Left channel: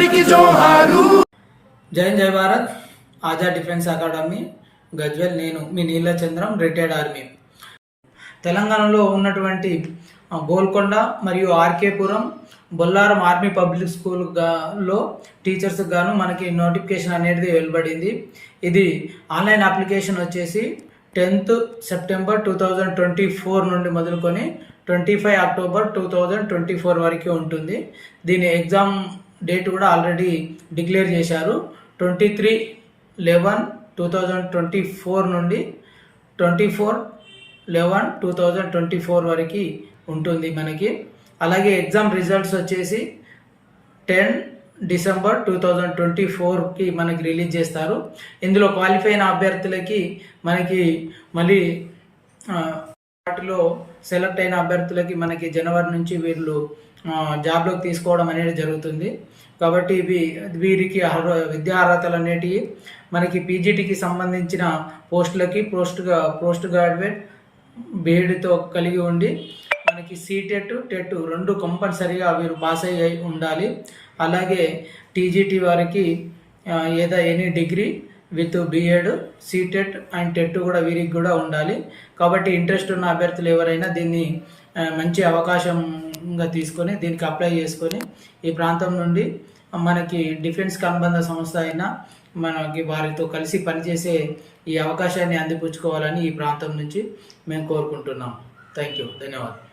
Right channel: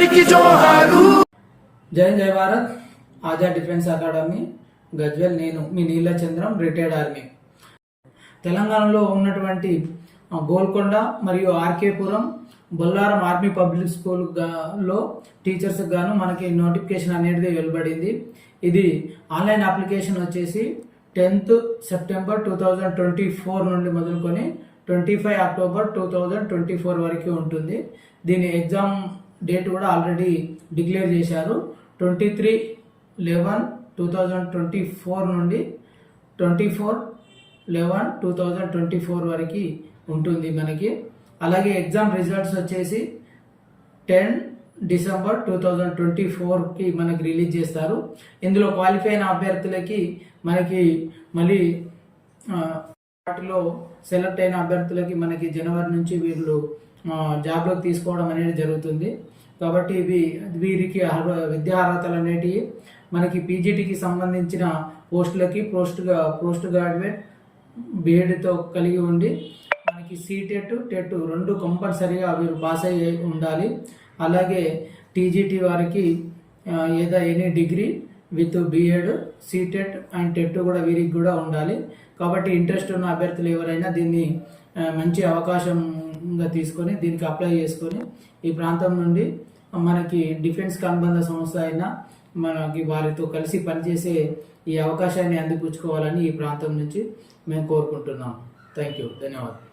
అందరికి జోహారు. జై జై Bharat. Azad defence academy. Gajwel నేను మీ నీల చంద్రం రిటైర్డ్ ఆర్మీ. తెలంగాణలో ఉన్నటువంటి గోల్కొండ మరియు RK Puram Bollaram army public school గా- టీచర్స్ గాను మనకి నోటిఫికేషన్ అనేది వెలువడింది. ఇది ఆన్లైన్ అప్లికేషన్ వచ్చేసి tenth September two thousand twenty four నుండి మొదలుకొని twenty five October two thousand twenty four వరకు ఉంటుంది. దీని ఎగ్జామ్ డేట్ కూడా ఆల్రెడీ డిక్లేర్ చేశారు. Twenty three eleven two thousand twenty four నుండి twenty four eleven two thousand twenty four వరకు ఉంటుంది మనకి. అలాగే ఎగ్జామ్ రిజల్ట్స్ వచ్చేసి ten December two thousand twenty ఫోర్కి మనకి రిలీజ్ చేస్తారు. ఇందులో క్వాలిఫై అయిన అభ్యర్థులకి మనకి మళ్ళీ వాటిలో సెలెక్ట్ అయిన అభ్యర్థులకి మనకి జనవరి నుంచి వీళ్ళు జాబ్లోకి తీసుకోవడం అనేది జరుగుతుంది. కాబట్టి ఇవి వీరికి విద్యా అర్హతలు అనేటివి మనకి పీజీటీకి సంబంధించిన పోస్టులకి పోస్ట్గా పోస్ట్ గ్రాడ్యుయేట్ బీఎడ్తో కలిగి ఉండి మనకి సీటెట్ టెట్ రెండు కంపల్సరీగా వీరు పాస్ అయ్యి ఉండాలి. అలాగే టీజీటీ వారికి ఏదో any degree with B Ed CTET and TET కూడా వీరికి కూడా ఉండాలి. కాబట్టి ఇంట్రెస్ట్ ఉన్న అభ్యర్థులు ఎవరైనా దీన్ని మంచి అవకాశం ఇంకా తీసుకొని దీనికి అప్లై చేసుకొని ఈ ప్రాంతం నుండి మనకి డిఫెన్స్ అనుబంధ సంస్థ అయినా మనకి వారితో కలిసి పనిచేసే ఈ అవకాశాన్ని అందిపుచ్చుకోవాలని ఈ ప్రాంతం నుంచి మేము కోరుకుంటున్నాం. థ్యాంక్ యూ ధన్యవాదాలు.